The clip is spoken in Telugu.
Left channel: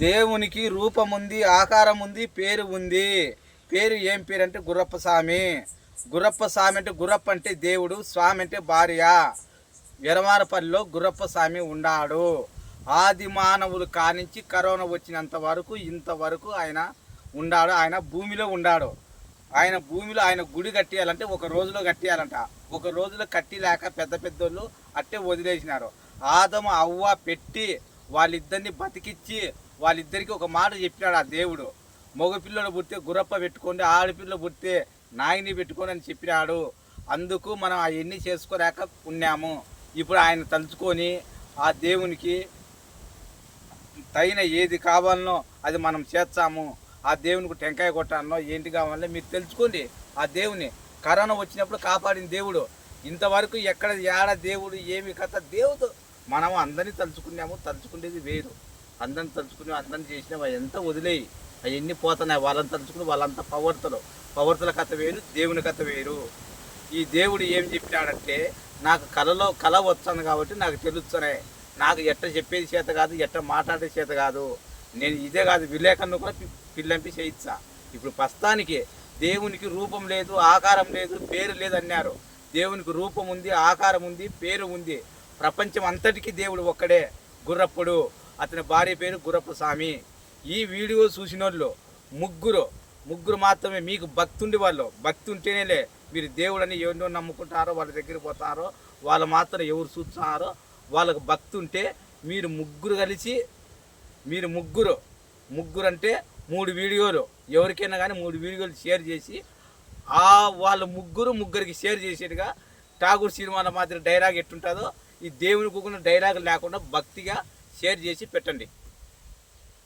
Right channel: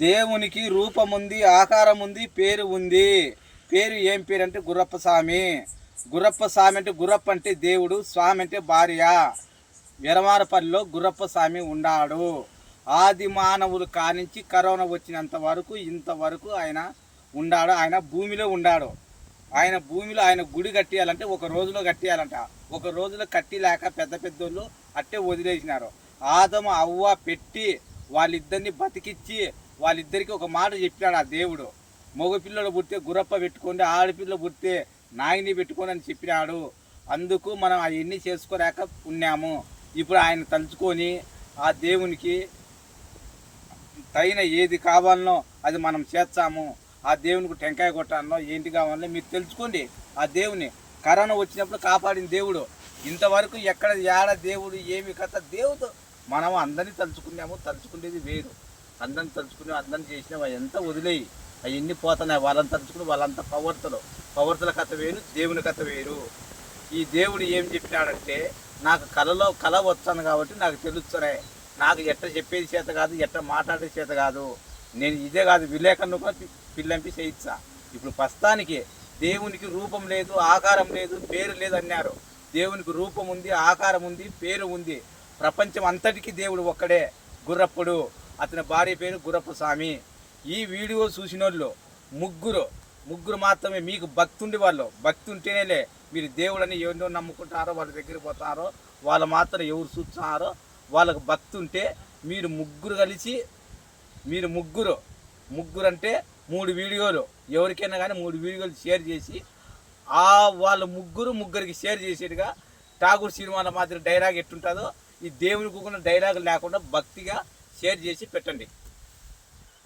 దేవునికి రూపం ఉంది, ఆకారం ఉంది, పేరు ఉంది. పేరు ఏం పేరు అంటే గుర్రప్ప స్వామి. గుర్రప్ప స్వామి అంటే గుర్రప్ప అంటే దేవుడు, స్వామి అంటే భార్య. ఎరమారపల్లిలో గుర్రప్ప స్వామి ఉన్నాడు. ఆది మానవులు కానించి కరోనా వచ్చినంత వరకు ఇంతవరకు ఆయన ఉన్నాడు. ఆయన భూమిలో ఉన్నాడు. ఆయన భూమిలో ఆయన గుడి కట్టియాలంటే ఒక రోజులో కట్టియాలంట. ఒక రోజులో కట్టిలేక పెద్ద పెద్దోళ్ళు అట్టే వదిలేసినారు. ఆదము అవ్వ పెట్టి వాళ్ళిద్దరిని బతికిచ్చి వాళ్ళిద్దరికి ఒక మాట చెప్పినాడు ఆ దేవుడు. మగపిల్లలు పుడితే గుర్రప్ప పెట్టుకోండి, ఆడపిల్లలు పుడితే నాయని పెట్టుకోండి అని చెప్పినాడు. అందుకు మనం అవన్నీ చేసుకోలేక ఉన్నాము. ఇప్పుడు ఆయన తలుచుకొని ఆ దేవునికి తగిన ఏది కావాలనో అది మనం చేస్తాము. ఆ దేవునికి టెంకాయ కొట్టాలనో ఏంటి కావాలనో మీరు తెలుసుకోండి. ఆ దేవుని కరోనా వచ్చినప్పుడు కాపాడిన దేవుడు. ఇంతవరకు ఎక్కడ ఏడ దేవుడు ఏమి కథ దేవుడు. మనం అందరినీ తలుచుకున్నాము. తలుచుకునేది వేరు. అందరిని తలుచుకుని అందరిని చేసినాము. ఎంత వదిలేయి అవన్నీ పోతున్నాయి. వాళ్ళని తలుచుకుని వాళ్ళంతా పవర్తల కథ వేరు, దేవుని కథ వేరు. ఈ దేవుడు ఏం చెప్పినాడంటే నాకు కళ వచ్చాను కాబట్టి నాకు తెలుస్తున్నాయి. నాకు ఎట్ట చెప్పేది చేత కాదు, ఎట్ట మాట్లాడే చేత కాదు. నేను ఇదే కాదు విలేకరును కూడా పిల్లంపి చేయిస్తా. ఇప్పుడు ప్రస్తుతానికి దేవునికి రూపం లేదు, ఆకారం లేదు, పేరు లేదు అన్నారు. దేవునికి రూపం ఉంది, ఆకారం ఉంది, పేరు ఉంది. ప్రపంచం అంతటికీ దేవుడు ఒక్కడే గుర్రప్పుడు. అతని భార్య పేరు గుర్రప్ప స్వామి. ఈ వీడియో చూసిన వాళ్ళు ముగ్గురు మాత్రమే మీకు భక్తి ఉండి వాళ్ళు భక్తి ఉంటేనేలే మీరు దేవుడని ఎవరినో నమ్ముకుంటారో వాళ్ళ దగ్గరికి పోతారో వాళ్ళు మాత్రం ఎవరు చూస్తున్నారో వాళ్ళకు భక్తి ఉంటే మీరు ముగ్గురు కలిసి మీరు ముగ్గురు అంటే 3 వీడియోలు ఎవరికైనా కానీ 3 వీడియోలు షేర్ చేసి వాళ్ళు ముగ్గురికి షేర్ చేసేట్టుగా ఠాగూర్ సినిమాల మాదిరి డైలాగ్ ఎట్టుంటుందో ఈ దేవుని కూకున్న డైలాగ్ లేకుండా భక్తిగా షేర్ చేసి పెట్టండి.